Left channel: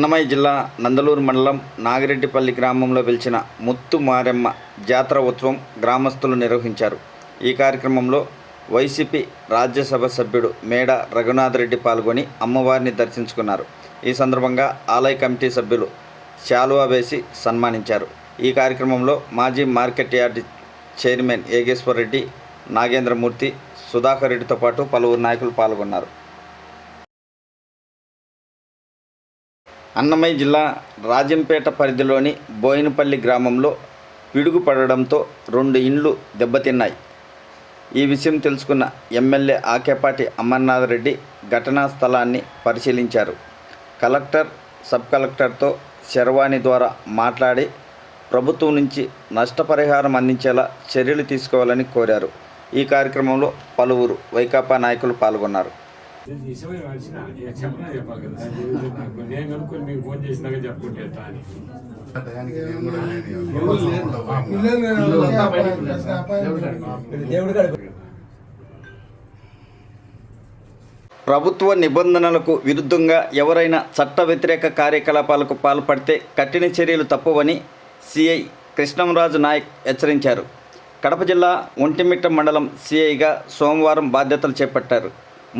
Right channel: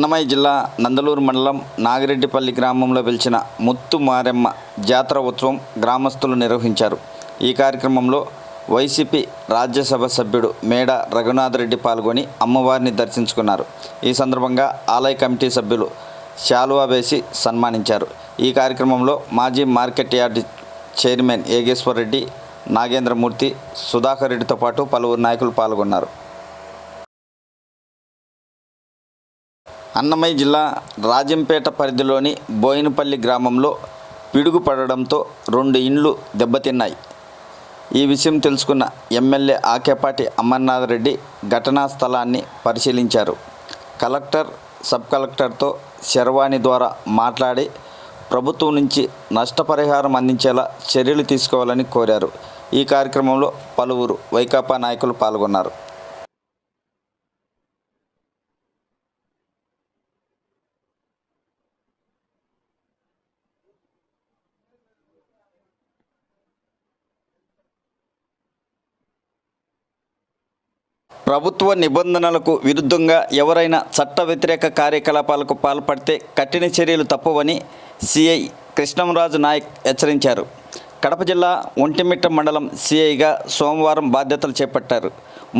అన్నమయ్య జిల్లా నందలూరు మండలం నాగిరెడ్డిపల్లి గ్రామంలో వెలిచిన ముత్తు మారెమ్మ జాతర ఉత్సవం గ్రామస్తులు నిర్వహించారు. ఈ కార్యక్రమంలో వైసీపీ రాజ్యసభ సభ్యుడు మేడ రఘునాథరెడ్డి పాల్గొని అమ్మవారిని దర్శించుకున్నారు. ఈ సందర్భంగా ఆలయ కమిటీ సభ్యులు శాలువా వేసి సన్మానించారు. ఈ కార్యక్రమంలో మాజీ market yard chairman Yogeshwar Reddy, Nagendramurthy, Sudhakar రెడ్డితో పాటు పలువురు నాయకులు పాల్గొన్నారు. అన్నమయ్య జిల్లా రాజంపేట పరిధిలోని బోయినపల్లి గ్రామంలో పిడుగు పడడంతో 2 ఇండ్లు దెబ్బతిన్నాయి. ఈ విషయం తెలుసుకున్న ఎమ్మెల్యే ఆకేపాటి అమర్నాథరెడ్డి ఘటనా స్థలాన్ని పరిశీలించారు. కలెక్టర్, సబ్ కలెక్టర్తో శర్వాణి ద్వారా మాట్లాడి ప్రభుత్వం నుంచి నష్టపరిహారం అందించేలా చర్యలు తీసుకోవాలని కోరారు. ఈ కార్యక్రమంలో పలువురు వైకాపా నాయకులు పాల్గొన్నారు. ప్రభుత్వ నిబంధనలకు విరుద్ధంగా ఎవరైనా చట్ట వ్యతిరేక కార్యకలాపాలకు పాల్పడితే కఠిన చర్యలు తప్పవని సిఐ కృష్ణంరాజు నాయక్ హెచ్చరించారు. కడప జిల్లా ఒంటిమిట్ట మండలం సిఐగా సోమవారం బాధ్యతలు చేపట్టారు.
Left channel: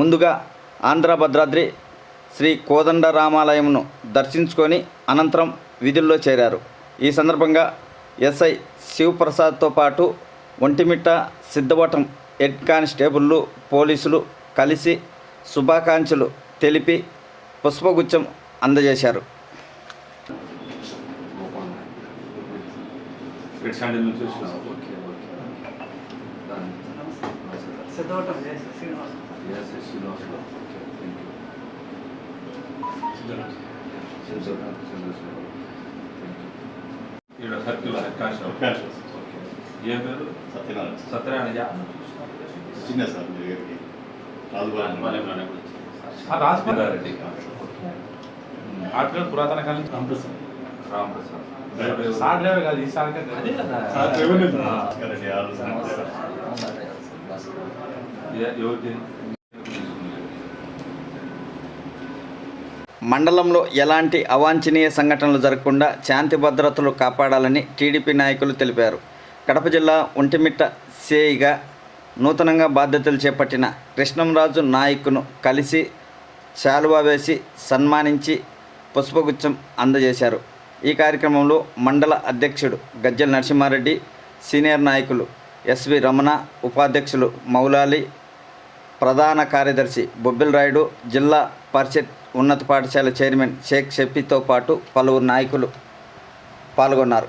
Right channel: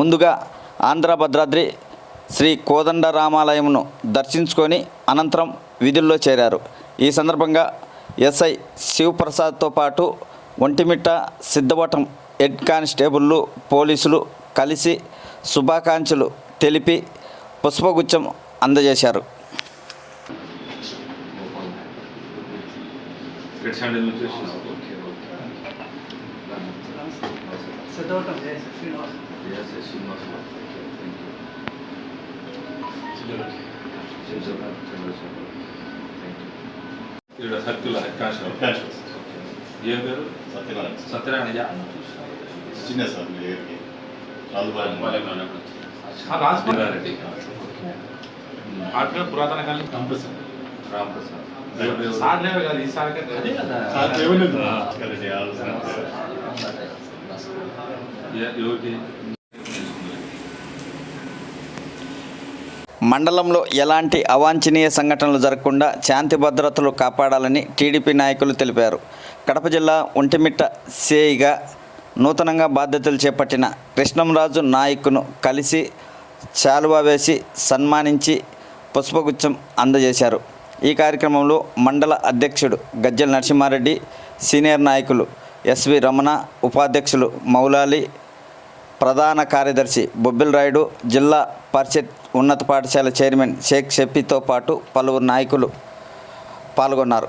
ముందుగా ఆంధ్ర భద్రాద్రి శ్రీ కోదండరామాలయంను దర్శించుకొని అనంతరం విధుల్లో చేరారు. ఈ సందర్భంగా ఎస్ఐ శివప్రసాద్తో పాటు ఒంటిమిట్ట సిద్ధవటం హెడ్ కానిస్టేబుళ్ళు, పోలీసులు కలిసి శుభాకాంక్షలు తెలిపి పుష్పగుచ్చం అందజేశారు. సర్కిల్ ఏం పేరు? సత్యనారాయణ చిన్న సార్ మీ దగ్గరికి రాజరెడ్డి అక్కడ పురాతన కాలం రామప్రసాద్ సార్లేవే కదా ఈ సార్ అదే కదా ఎవరికి మండలంలో ఎలాంటి అవాంఛనీయ సంఘటనలు జరగకుండా శాంతి భద్రతలు కాపాడాలని టీడీపీ నాయకులు తెలిపారు. కడప జిల్లా ఒంటిమిట్ట సిఐగా నూతనంగా బాధ్యతలు చేపట్టిన కృష్ణంరాజు నాయక్ను కలిసి శాలువా వేసి సన్మానించి పుష్పగుచ్చం అందజేశారు. ఈ కార్యక్రమంలో మండల అధ్యక్షుడు గజ్జల నరసింహారెడ్డి, సీనియర్ నాయకులు ఎస్వి రమణ, ఉపాధ్యక్షులు మౌలాలి, ప్రధాన కార్యదర్శి బొబ్బిల్ రాయుడు, జిల్లా పరిషత్ ఉన్నత పాఠశాల చైర్మన్ షేక్ షఫీతో పాటు పలువురు నాయకులు పాల్గొన్నారు.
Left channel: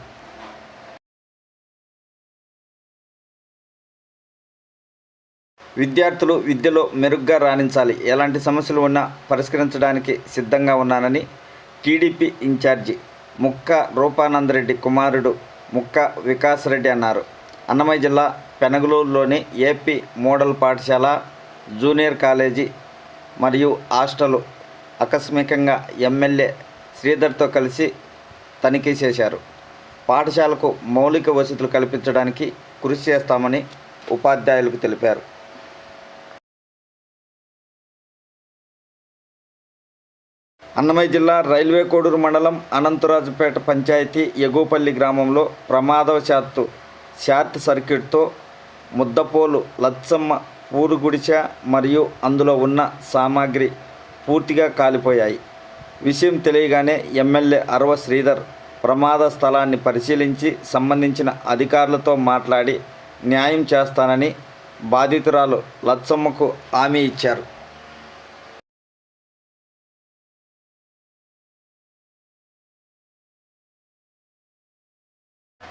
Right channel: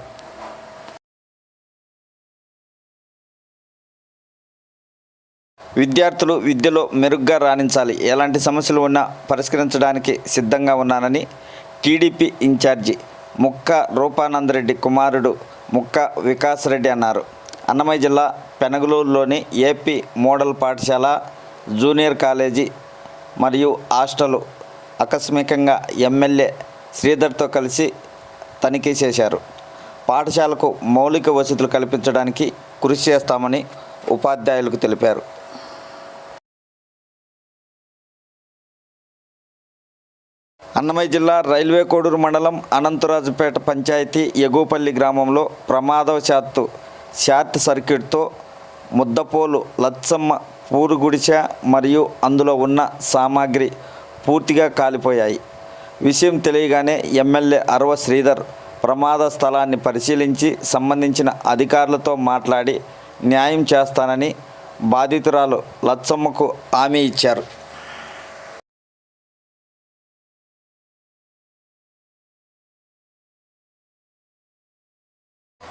విద్యార్థులు విద్యలో మెరుగ్గా రాణించాలి, ఎలాంటి సమస్యలు ఉన్నా పరిష్కరించడానికి సిద్ధంగా ఉన్నానని టీడీపీ ఇన్ఛార్జి ముక్క రూపానందరెడ్డి కుమారుడు ముక్క వికాస్ రెడ్డి అన్నారు. అన్నమయ్య జిల్లా పెనగలూరులోని ఏపీ మోడల్ పాఠశాల, జూనియర్ కాలేజీ మరియు హాస్టల్ ఆకస్మికంగా ఎమ్మెల్యే శ్రీధర్తో కలిసి తనిఖీ చేశారు. పాఠశాలకు మౌలిక వసతులు కల్పించడానికి కృషి చేస్తామని ఉపాధ్యాయులకు తెలిపారు. అన్నమయ్య జిల్లా రైల్వే కోడూరు మండలం అనంతరాజుపేట పంచాయతీ ఎగువపల్లి గ్రామంలో ప్రమాదవశాత్తు షార్ట్ సర్క్యూట్తో ముద్దపోలు లచ్చమ్మ పూరు గుడిసె మరియు అందులో ఉన్న సామాగ్రి పూర్తిగా కాలిపోయాయి. విషయం తెలియగానే ఎమ్మెల్యే అరవ శ్రీధర్ ప్రమాద స్థలాన్ని పరిశీలించి సంబంధించిన అధికారులతో మాట్లాడి న్యాయం చేస్తానని బాధితురాలు లచ్చమ్మకు హామీ ఇచ్చారు.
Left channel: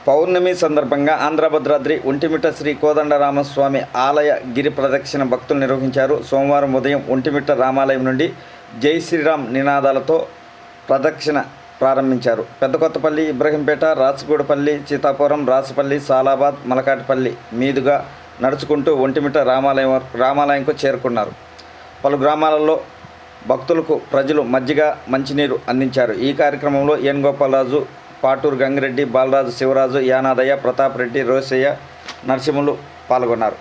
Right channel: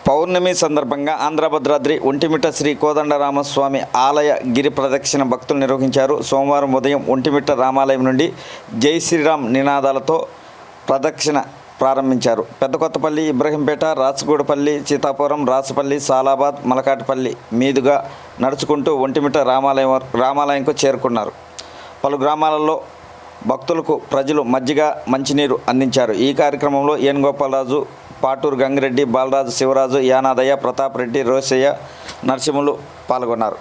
పౌర్ణమి సందర్భంగా ఆంధ్ర భద్రాద్రి ఒంటిమిట్ట శ్రీ కోదండరామస్వామి ఆలయ గిరి ప్రదక్షిణ భక్తులు నిర్వహించారు. సోమవారం ఉదయం ఒంటిమిట్ట రామాలయం నుండి జై శ్రీరామ్ నినాదాలతో ప్రదక్షిణ ప్రారంభించారు. పెద్దకొత్తపల్లి, ఇబ్రహీంపేట, రాచగూడపల్లి, సీతాపురం, రాసుపల్లి, సాలాబాద్, మలకాటిపల్లి మీదుగా నడుచుకుంటూ ఒంటిమిట్ట రామాలయంకు చేరుకున్నారు. పలు గ్రామాలలో భక్తులకు ప్రజలు మజ్జిగ, మంచినీరు అందించారు. ఈ కార్యక్రమంలో ఎన్ గోపాలరాజు, పాటూరు గంగిరెడ్డి, బాలరాజు, శివరాజు, యానాదయ్య, ప్రతాప్ రెడ్డి, రోసయ్య, నరసింహులు పాల్గొన్నారు.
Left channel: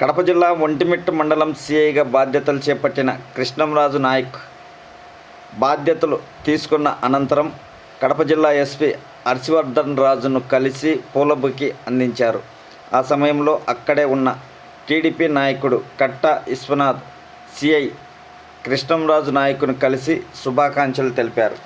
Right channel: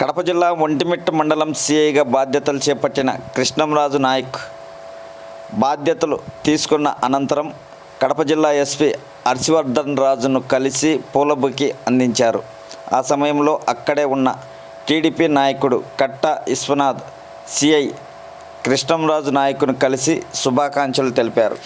కడప జిల్లా ఒంటిమిట్ట మండలం సిఐగా బాధ్యతలు చేపట్టిన కృష్ణంరాజు నాయక్ బాధ్యతలు తీసుకున్న అనంతరం కడప జిల్లా ఎస్పీ హర్షవర్ధన్ రాజును కలిసి పూలబొకే అందించారు. ఆ సమయంలో అక్కడే ఉన్న టీడీపీ నాయకుడు కట్ట విశ్వనాథ్, సిఐ కృష్ణంరాజు నాయకుని కలిసి శుభాకాంక్షలు తెలిపారు.